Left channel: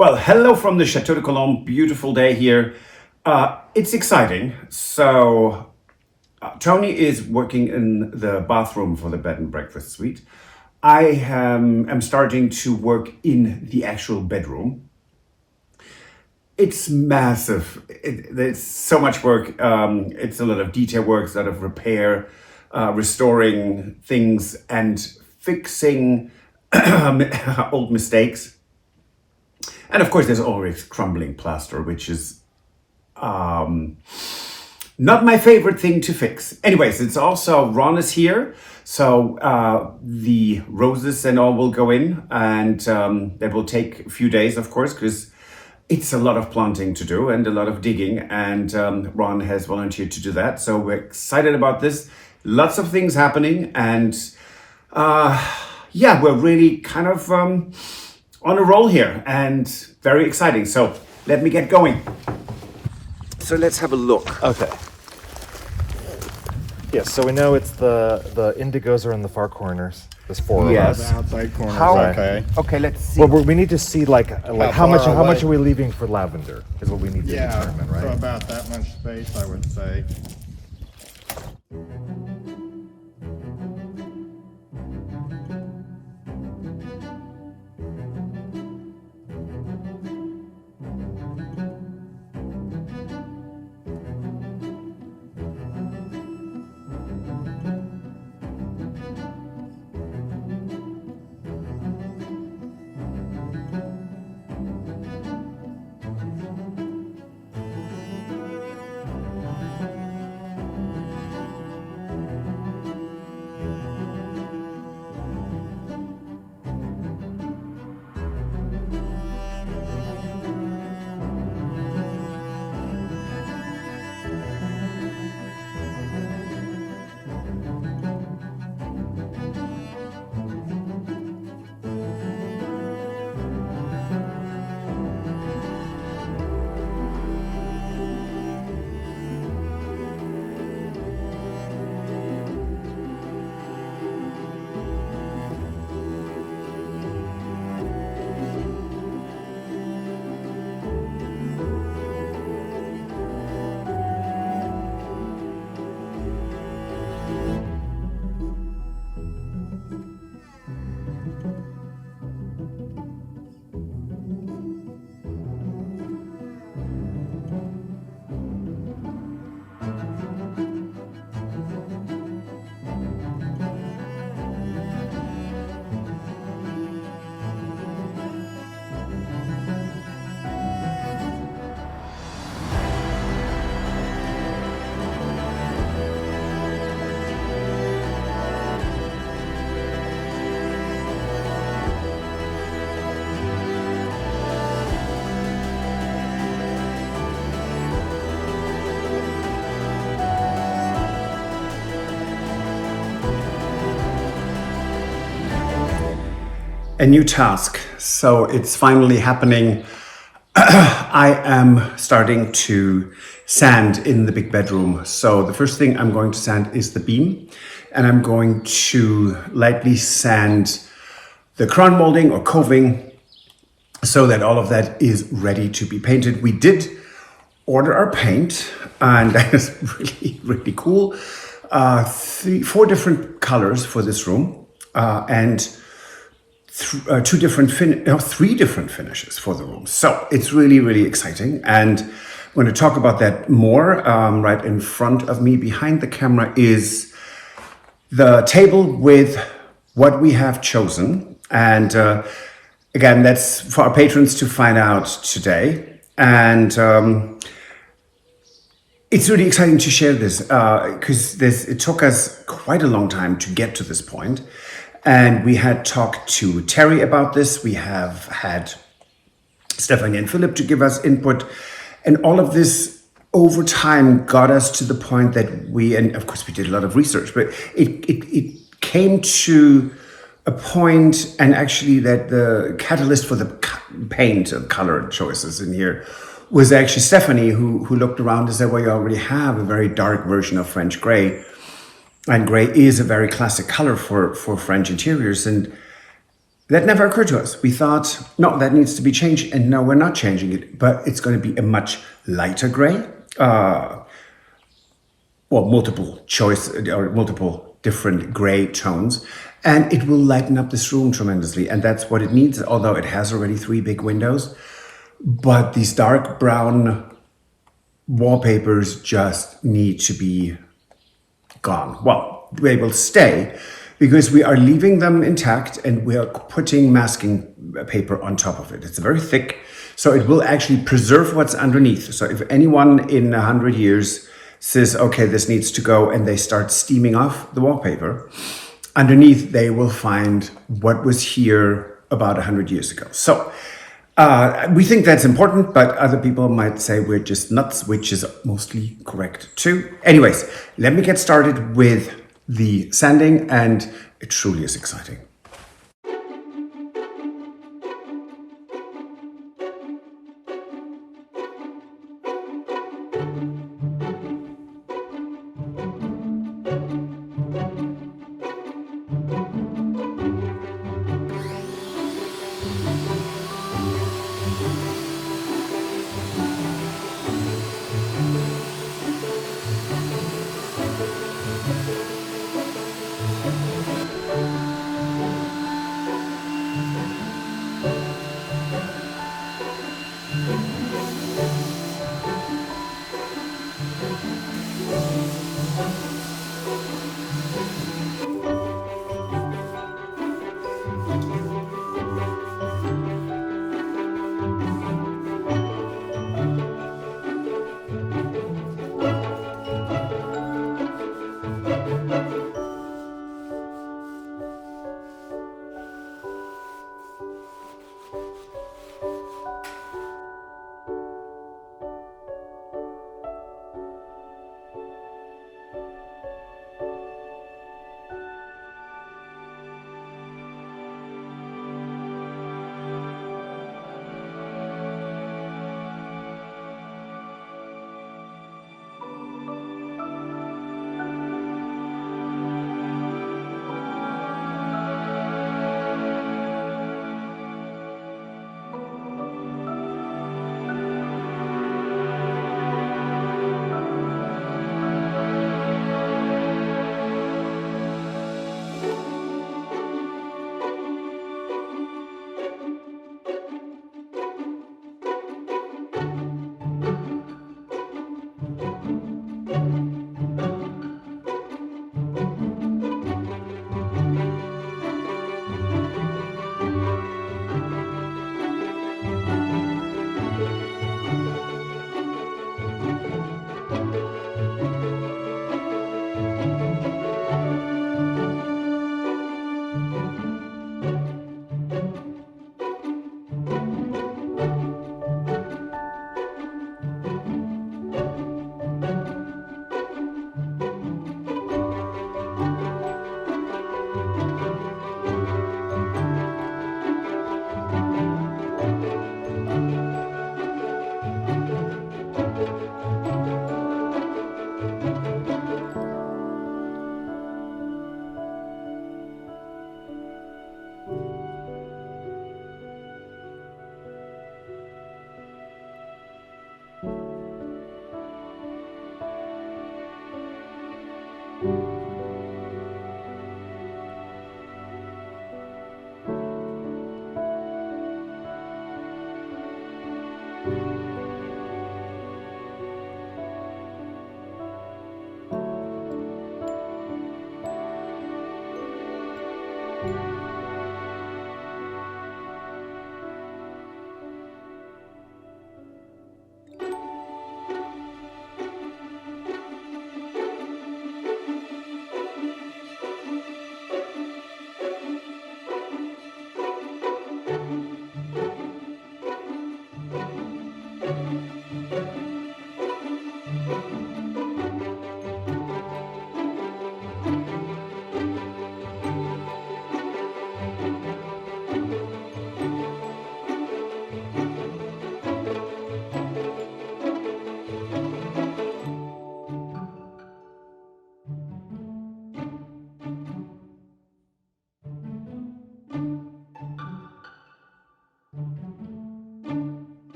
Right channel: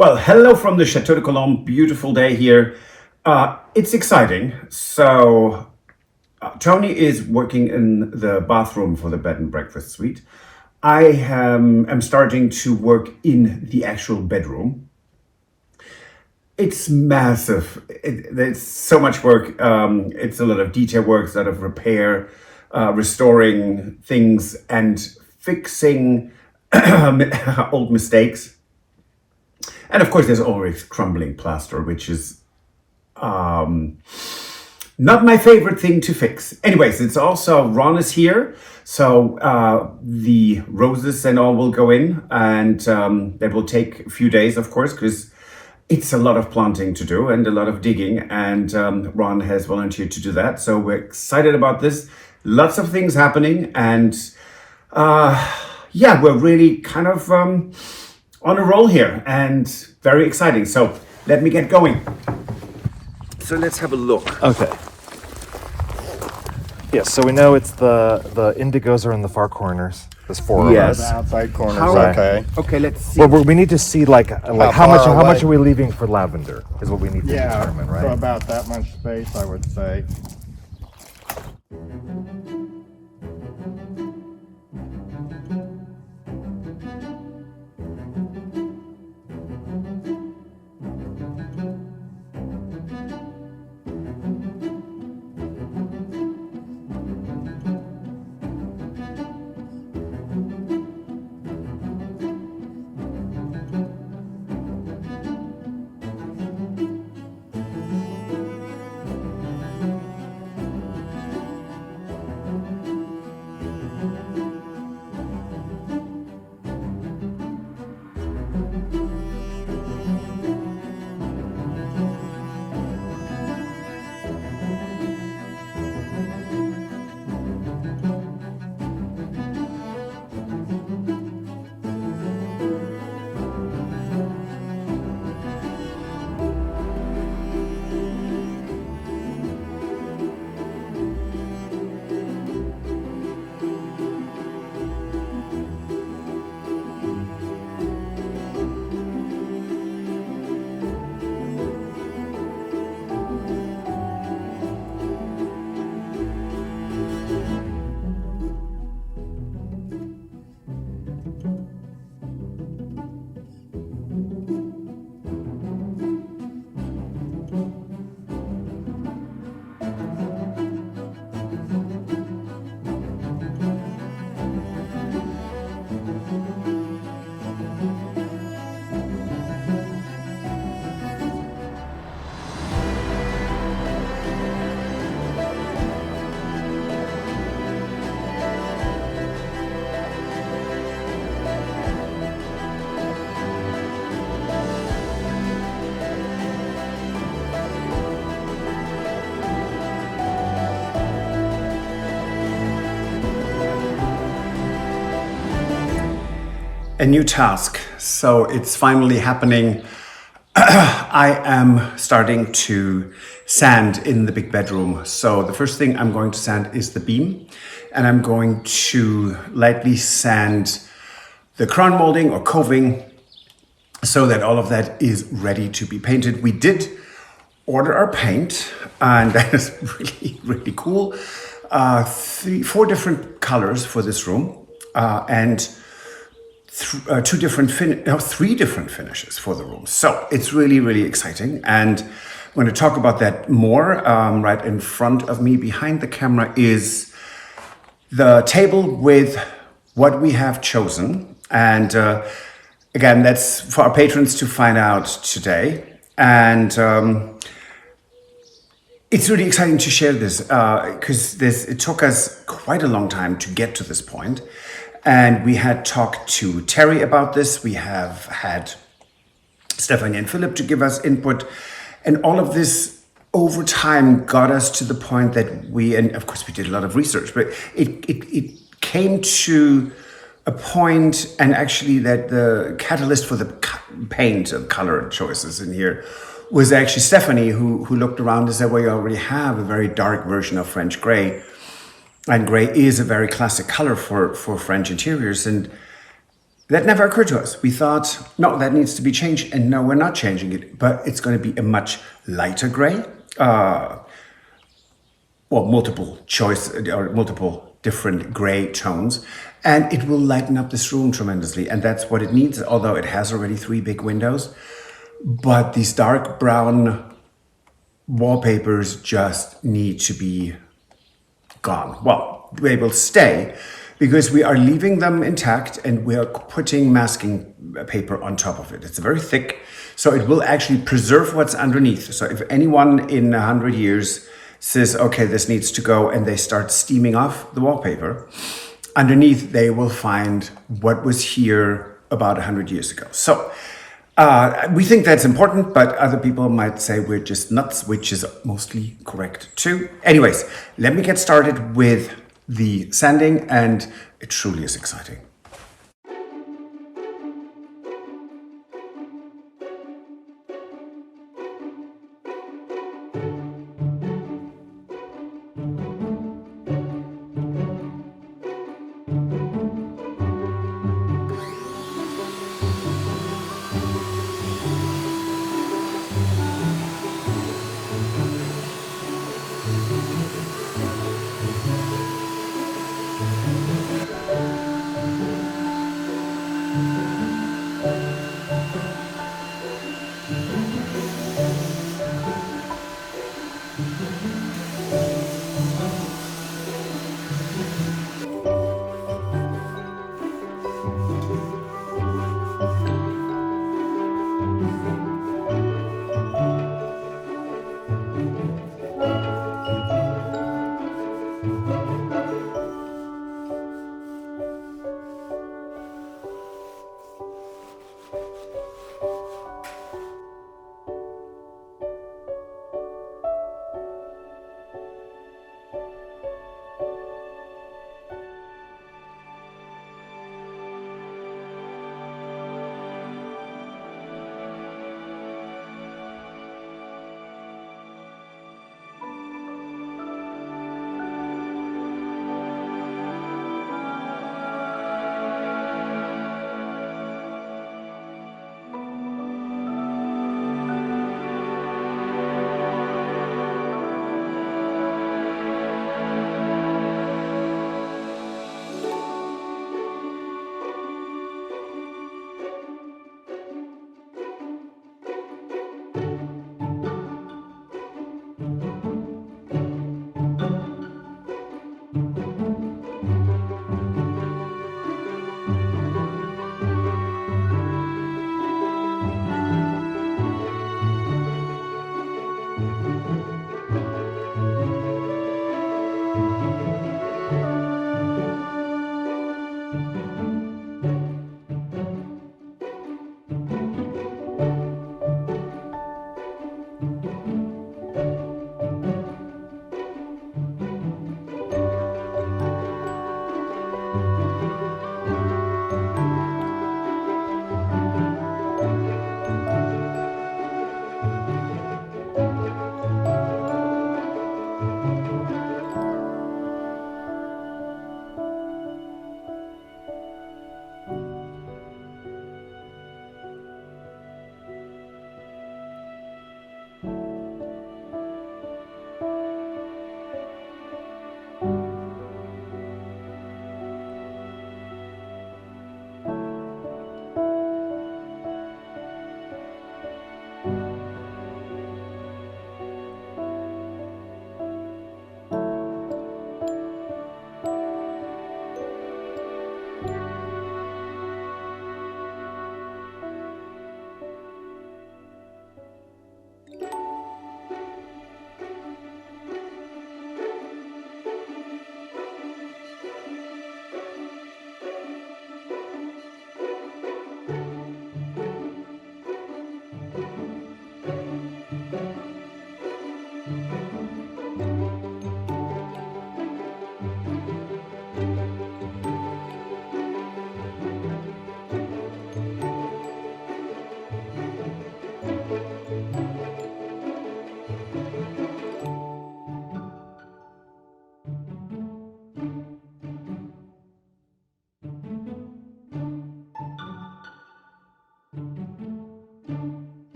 Well, hello from the Chateau de Cologne. Beautiful day here. It's exciting. Tony is working in the bathroom for the bed and breakfast suite. I am starting to work in the actual bedroom. It's massive. There's so much work. It's a lot of detail work, a lot of repair, restoring things, and fixing old mistakes. And of course, there's always crumbling plaster, which is not my favorite thing to fix. Anyways, it's also Ron is here, so the roses and all will go in, and that will take a few days, of course, because it's a lot of planting to do and a lot of digging, and Ron has volunteered to do that. So we're excited about this. Lots of things happening, and yeah, we're really kind of on a roll here and very exciting. So let me get going. So let's have a look. Okay. Yeah, so we know it's the indigos are in the far corners. There's four Yes. of us. The outside corners, How- okay. Okay, let's see. Well, we need to see like how far much away? are we leaving for lavender is what we need to Yeah, determine, so right? about that much space, I would say. A new task. So it's finally happening. I am starting to sand in the big bedroom. So the first thing I'm going to sand is the beam, and I'm going to lightly sand the crown molding or coving so that all of that is ready to be painted. We did order our paint, and that is really cool. Four different colors for this room, and three different finishes for the room. So it's really exciting, and I'm going to talk about that more. Right in front of me, behind the camera, is the table with what we have chosen, and again, that's for our patrons to find out today. And it's really exciting to share this because it took us quite a long time to get to this point. And we had talked to Terry about this. We have had Stephanie and Philip to give us input. And all of this over time got us to the point that and of course we did a lot of research, but it came to a point, and actually that the catalyst for the paint and color choices in here was actually Stephanie, who looked around and said, well, you already have a very dark version of French gray. And gray is a very classic color for French interiors. And That never occurred to us. We thought, no, that needs to be changed, and no, we're not changing it, but it's going to be a much lighter gray. Multiple choice or multiple different gray tones, and it will lighten up this room tremendously, and that's what it needs, although it has already 3 big windows. But these dark brown wallpapers just need to be gone. Well, they will stay because we are leaving them intact and we are putting masking paper on top of it. It's very thick, so it will actually preserve what's underneath. So if anyone in 100 years says, okay, this needs to go, and they start steaming off the wallpaper, underneath they will find what was here about 100 years ago. So we think that's important, but other people might say we're just nuts, which is mostly correct too. Anyways, let me get started with the sanding, and it truly is exciting.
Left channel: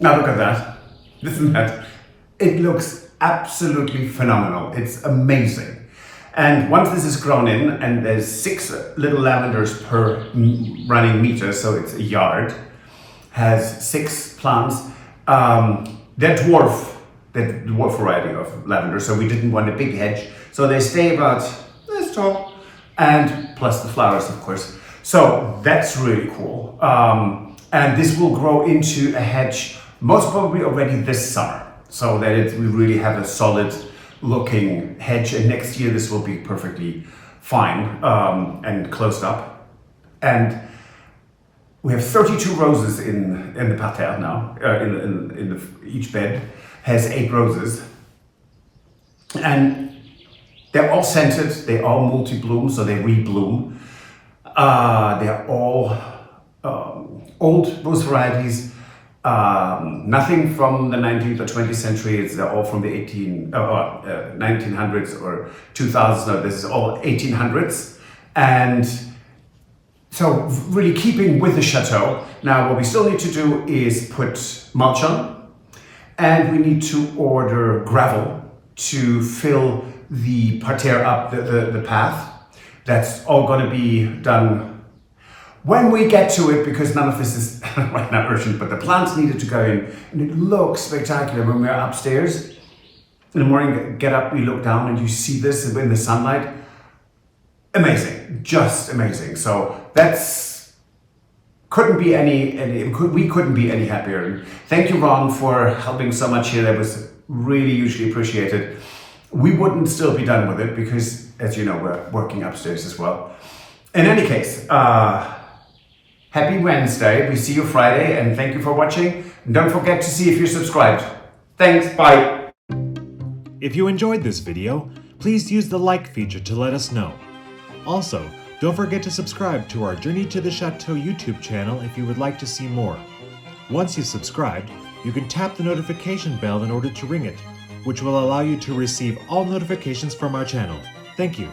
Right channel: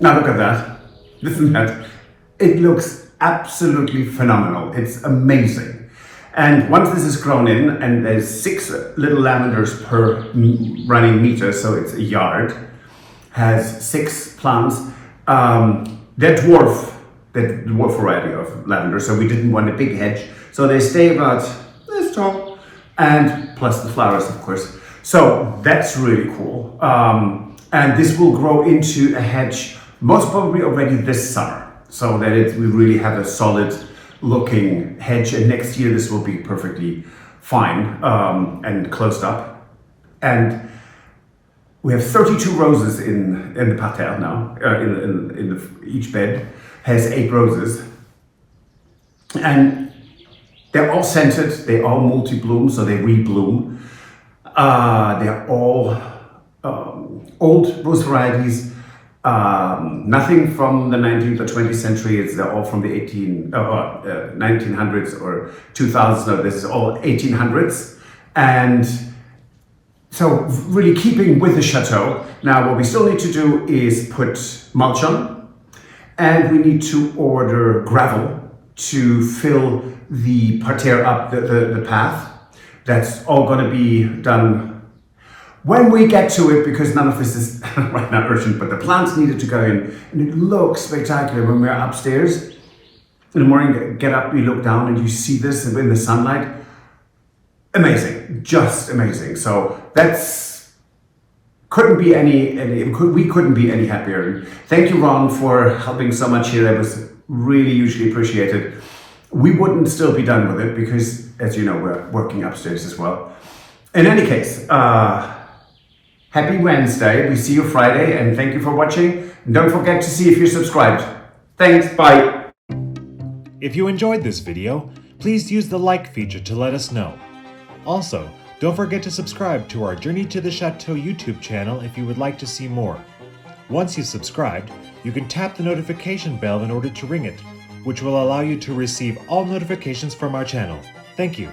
Now look at that. Listen to that. It looks absolutely phenomenal. It's amazing. And once this is grown in, and there's 6 little lavenders per running meter, so it's a yard, has 6 plants. They're dwarf variety of lavender, so we didn't want a big hedge. So they stay about this tall, and plus the flowers, of course. So that's really cool. And this will grow into a hedge most probably already this summer, so that we really have a solid looking hedge, and next year this will be perfectly fine and closed up. And we have 32 roses in the parterre now. Each bed has 8 roses, and they're all scented. They all multi-bloom, so they rebloom. They're all old rose varieties. Nothing from the 19th or 20th century. They're all from the 1900s or 2000s. No, this is all 1800s. And so really keeping with the chateau. Now what we still need to do is put mulch on, and we need to order gravel to fill the parterre up, the path. That's all going to be done when we get to it, because none of this is right now urgent, but the plants needed to go in, and it looks spectacular when we're upstairs. In the morning, get up, you look down, and you see this in the sunlight. Amazing, just amazing. So we couldn't be any happier. And thank you, Ron, for helping so much here. That was really hugely appreciated. We wouldn't still be done with it because, as you know, we're working upstairs as well. In any case, happy Wednesday. We see you Friday, and thank you for watching. And don't forget to see if you're subscribed. Thanks, bye. If you enjoyed this video, please use the like feature to let us know. Also, don't forget to subscribe to our Journey to the Chateau YouTube channel if you would like to see more. Once you've subscribed, you can tap the notification bell in order to ring it, which will allow you to receive all notifications from our channel. Thank you.